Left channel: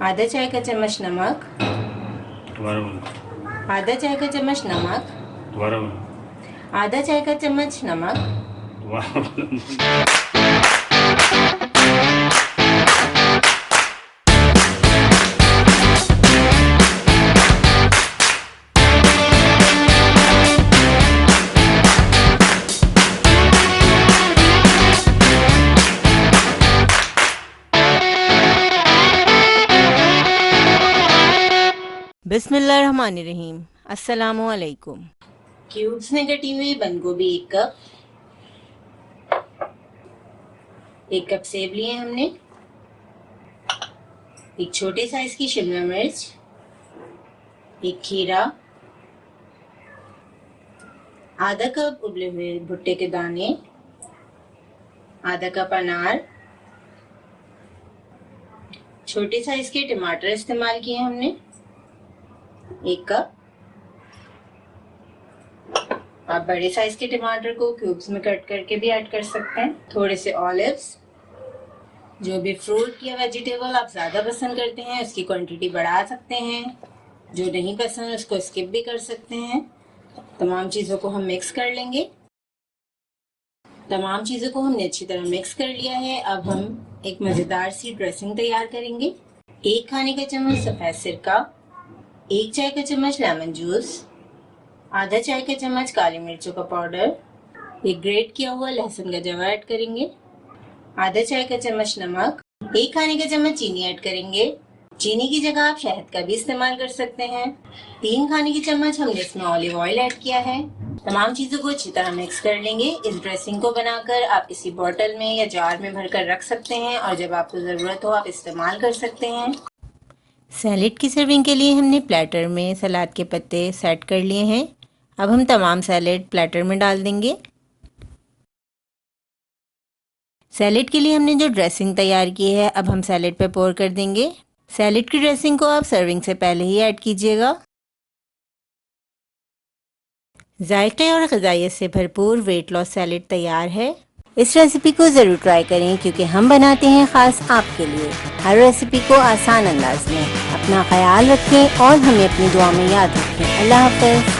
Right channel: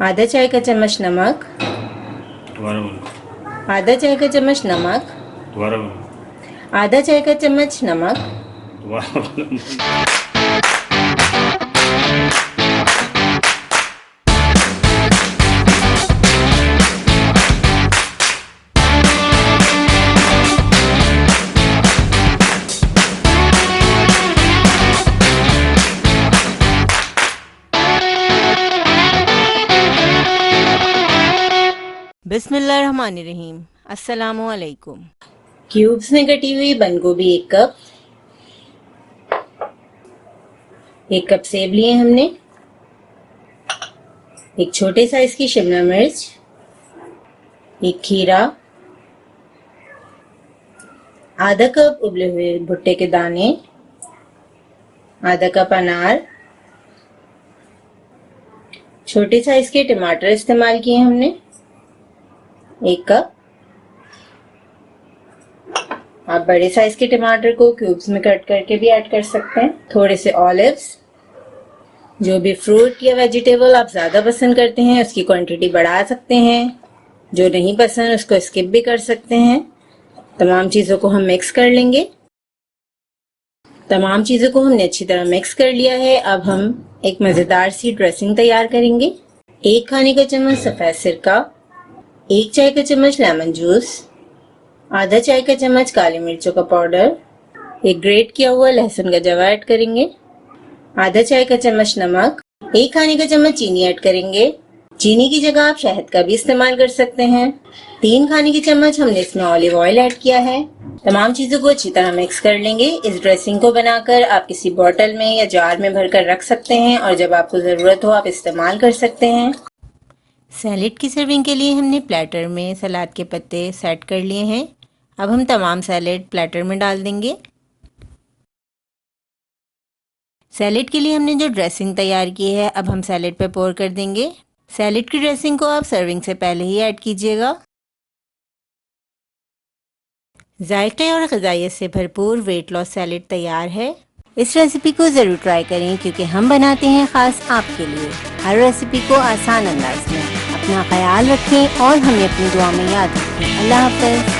आधा चाय का चम्मच नमक, आधा चाय का चम्मच नमक, आधा चाय का चम्मच नमक, बिस्मिल्लाहिर्रहमानिर्रहीम। अस्सलामुअलैकुम। क्यूब्स में कटी हुई बंद गोभी 1 कप, 1 कप सेब लिए हमने, एक छोटे साइज की शिमला मिर्च, एक खीरा, आधा कप उबले हुए भुट्टे के दाने, आधा कप अनार, छोटे साइज के टमाटर इस्तेमाल किए हमने 1 कप। आप बड़े साइज के टमाटर को क्यूब्स में कट करके भी ऐड कर सकते हैं। थोड़े से ऑलिव्स, जो भी फ्रूट या वेजिटेबल आप ज़्यादा पसंद करते हैं उसकी क्वांटिटी बढ़ा सकते हैं, जो नहीं पसंद उसको स्किप भी कर सकते हैं। तमाम चीज़ों को हम मिक्स कर लेंगे। तमाम चीज़ों को हमने अच्छी तरह मिक्स कर लिया है। अब हम एक मज़ेदार सी ड्रेसिंग तैयार करेंगे। 1 खाने का चम्मच सफ़ेद सिरका, 1 चाय का चम्मच लेमन जूस, आधा चाय का चम्मच काली मिर्चों का पाउडर, एक ग्रेट किया हुआ लहसुन का जवा ऐड करेंगे, आधा चाय का चम्मच नमक, 1 खाने का चम्मच चीनी ऐड करेंगे। चीनी की जगह आप शहद का भी इस्तेमाल कर सकते हैं। 3 खाने के चम्मच हमने इसमें ऑलिव ऑयल ऐड किया है। तमाम चीज़ों को अच्छी तरह मिक्स कर लेंगे। इस ड्रेसिंग को बनाकर आप किसी बोतल में या जार में भरकर रख सकते हैं और जब आपको ज़रूरत हो आप इस्तेमाल कर सकते हैं। सैलेड की सर्विंग के लिए हमने प्लेटर में सलाद के पत्ते सेट कर लिए हैं। अब हम तमाम सैलेड प्लेटर में डाल देंगे। सैलेड के लिए हमने जो ड्रेसिंग तैयार की है अब हम सैलेड पे पोर कर देंगे। सैलेड की ड्रेसिंग को आप सर्विंग से पहले ही ऐड कीजिएगा। जायके और ग़िज़ाइयत से भरपूर वेट लॉस सैलेड तैयार है। इस रेसिपी को ज़रूर ट्राई करें क्योंकि हम बनाते हैं ख़ास आपके लिए हर रेसिपी को आसान अंदाज में। अपना ख्याल रखें और हमें अपनी दुआ में याद रखें। अल्लाह हाफ़िज़।